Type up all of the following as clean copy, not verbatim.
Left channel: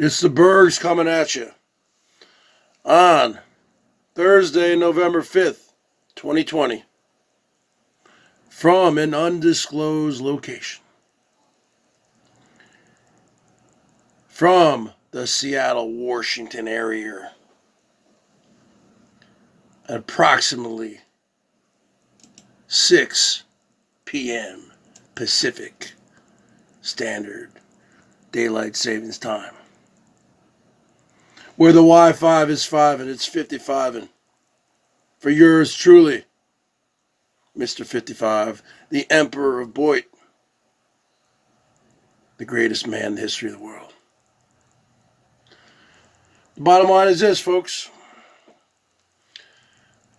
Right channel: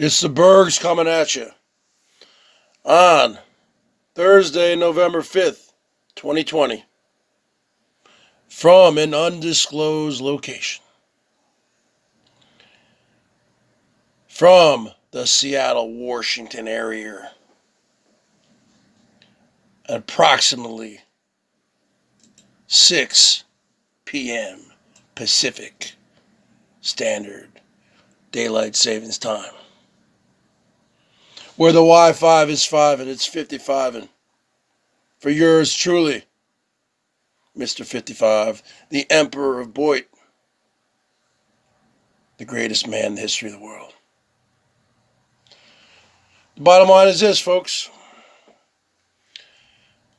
It's the Bergs coming at you on Thursday, November 5th, 2020, from an undisclosed location. From the Seattle, Washington area, at approximately 6 p.m. Pacific Standard Daylight Savings Time. Where the Wi-Fi is 5 and it's 55 and for yours truly, Mr. 55, the Emperor of BOYT, the greatest man in the history of the world. The bottom line is this, folks.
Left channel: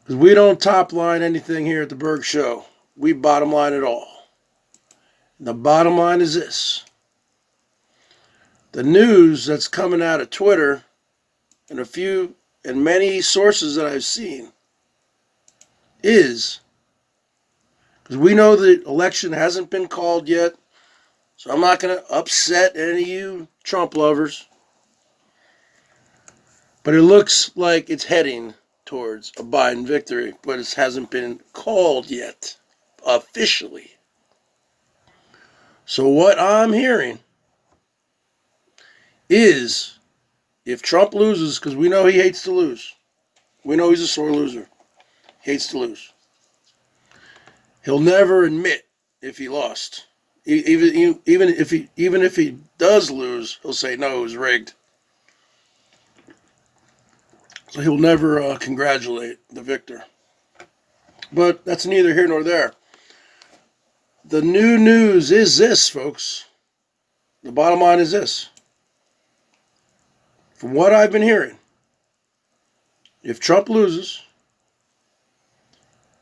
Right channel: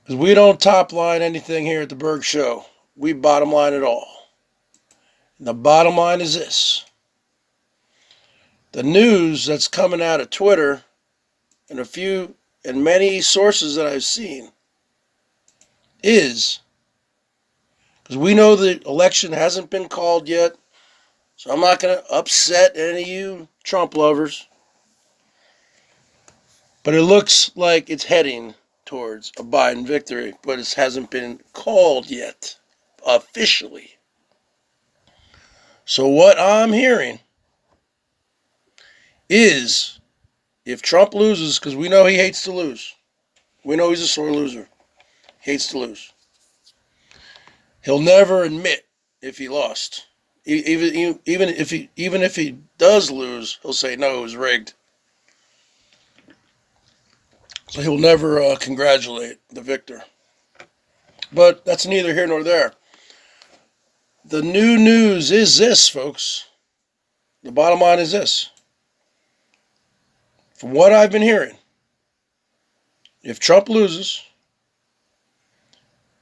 Because we don't top line anything here at the BERGS Show. We bottom line it all. And the bottom line is this. The news that's coming out of Twitter and many sources that I've seen is, because we know the election hasn't been called yet, so I'm not going to upset any of you Trump lovers, but it looks like it's heading towards a Biden victory, but it hasn't been called yet, officially. So what I'm hearing is, if Trump loses, because we know he hates to lose. We know he's a sore loser. He hates to lose. He'll never admit if he lost. Even if he does lose, he'll say, no, it was rigged. So he'll never congratulate the victor. But that's neither here nor there. The new news is this, folks. The bottom line is this. From what I've been hearing, if Trump loses,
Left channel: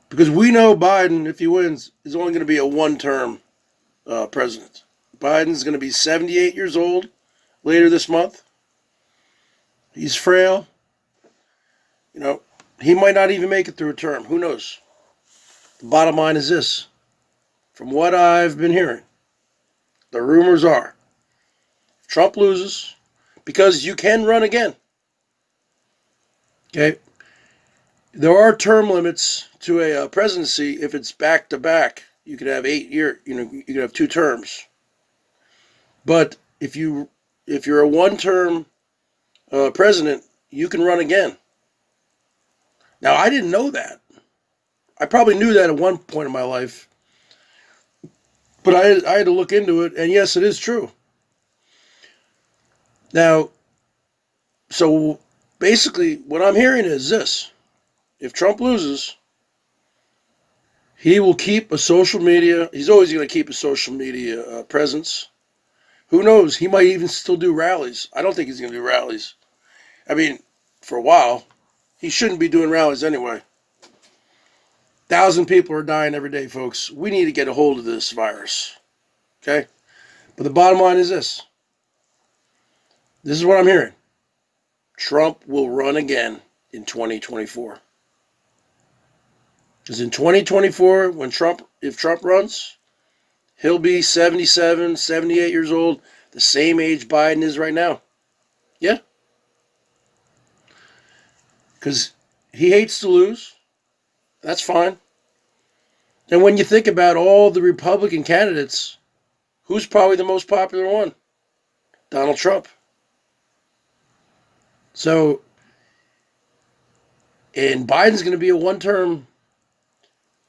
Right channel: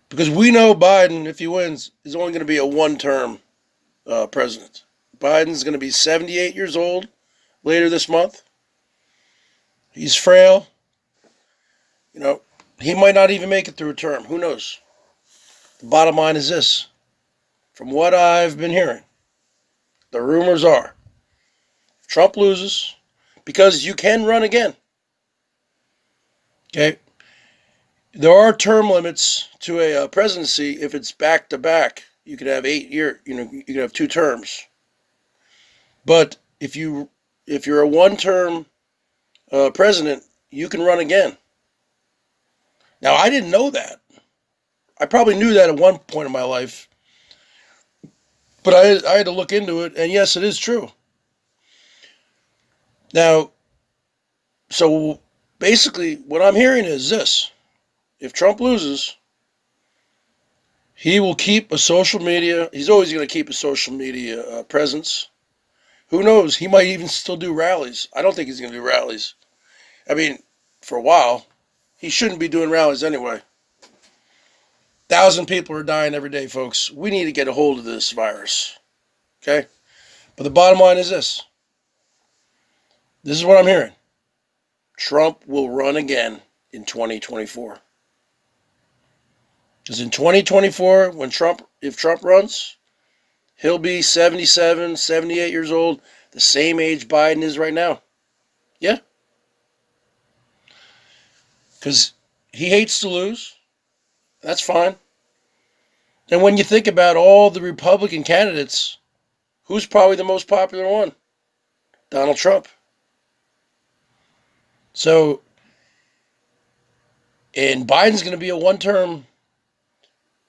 because we know Biden, if he wins, is only going to be a one-term president. Biden's going to be 78 years old later this month. He's frail. You know, he might not even make it through a term. Who knows? The bottom line is this. From what I've been hearing, the rumors are, if Trump loses, because you can run again. Okay? There are term limits to a presidency if it's back-to-back. You could have 8 years, you could have 2 terms. But if you're a one-term president, you can run again. Now, I didn't know that. I probably knew that at one point in my life. But I had to look into it, and yes, it is true. Now, so basically what I'm hearing is this. If Trump loses, he will keep a social media, he's always going to keep a social media presence. Who knows? He might even still do rallies. I don't think he's going to do rallies. I mean, for a while, he shouldn't be doing rallies anyway. 1,000 people are dying every day, folks. We need to get a hold of this virus. Okay? But the bottom line is this. This is what I'm hearing. Trump will run again in 2024. Because in 2024, if Trump runs, he'll be 77, 78 years old, the same age Biden is right now. Yeah. Because he hates to lose. That's fine. And when you think about all the Republican candidates, who's probably the most popular one? Donald Trump. So, and Biden's going to be a one-term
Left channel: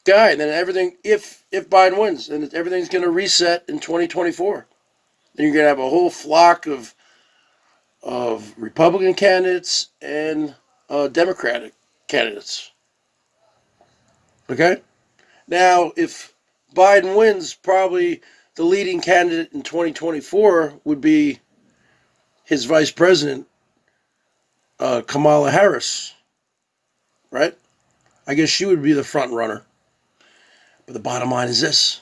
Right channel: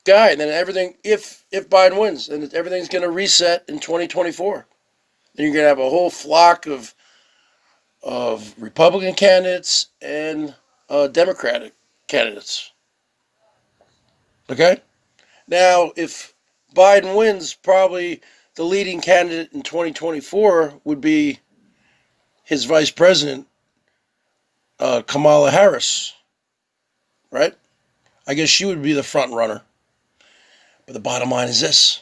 guy, and then everything, if Biden wins, and everything's going to reset in 2024. Then you're going to have a whole flock of Republican candidates and Democratic candidates. Okay? Now, if Biden wins, probably the leading candidate in 2024 would be his vice president, Kamala Harris, right? I guess she would be the front runner. But the bottom line is this.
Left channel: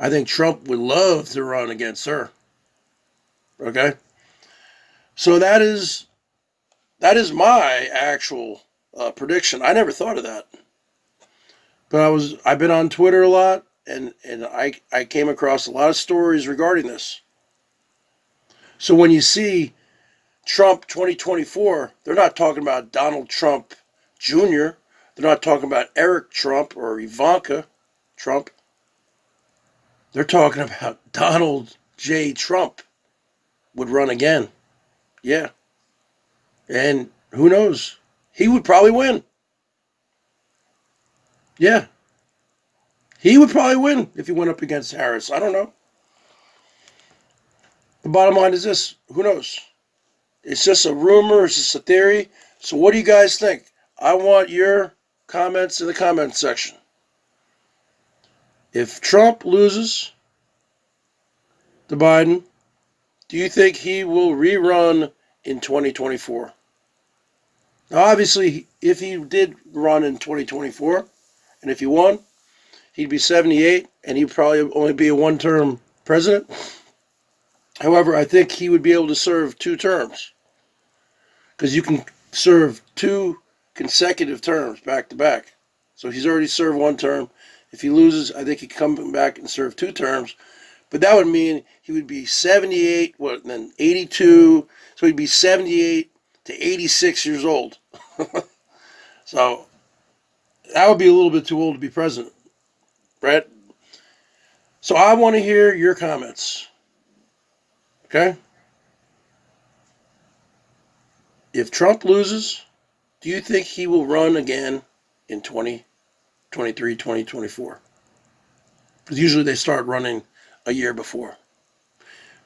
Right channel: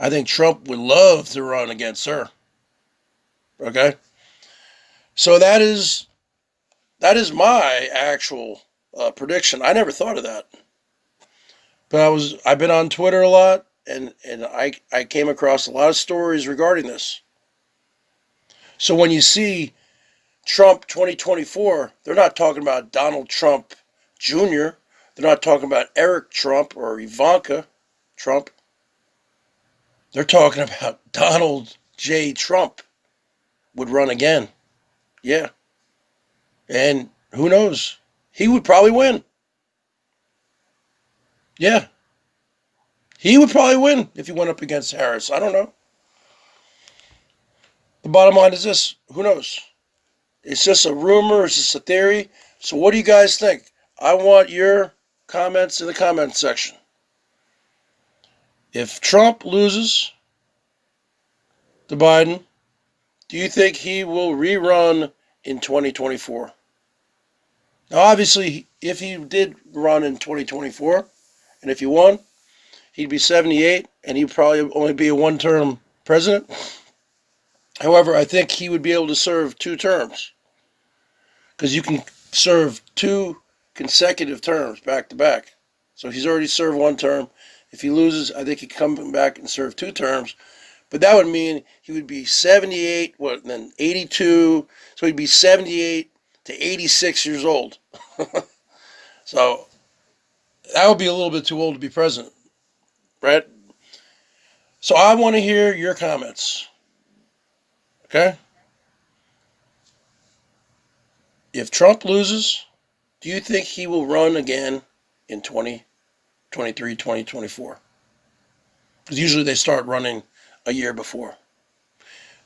I think Trump would love to run against her. Okay? So that is my actual prediction. I never thought of that. But I've been on Twitter a lot, and I came across a lot of stories regarding this. So when you see Trump 2024, they're not talking about Donald Trump Jr., they're not talking about Eric Trump or Ivanka Trump. They're talking about Donald J. Trump would run again. Yeah. And who knows? He would probably win. Yeah. He would probably win if he went up against Harris. I don't know. The bottom line is this: who knows? It's just a rumor, it's just a theory. So what do you guys think? I want your comments in the comment section. If Trump loses to Biden, do you think he will rerun in 2024? Now, obviously, if he did run in 2024, and if he won, he'd be 78, and he'd probably only be a one-term president. However, I think he would be able to serve 2 terms, because you can serve 2 consecutive terms back to back. So he's already served 1 term. If he loses, I think he can come back and serve 2 terms. But that would mean he would be 78, and then 82. So he'd be 78 to 86 years old. So that would be a little bit too old to be president, right? So I want to hear your comments. Okay? If Trump loses, do you think he will run again in 2023, 2024? Because usually they start running a year before,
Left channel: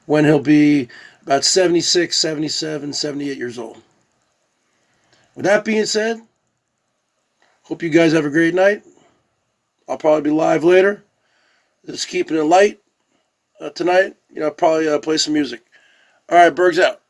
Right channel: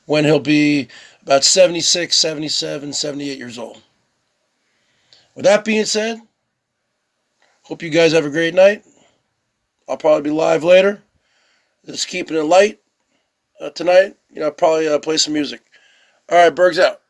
when he'll be about 76, 77, 78 years old. With that being said, hope you guys have a great night. I'll probably be live later. Just keeping it light tonight. I'll probably play some music. All right, Bergs out.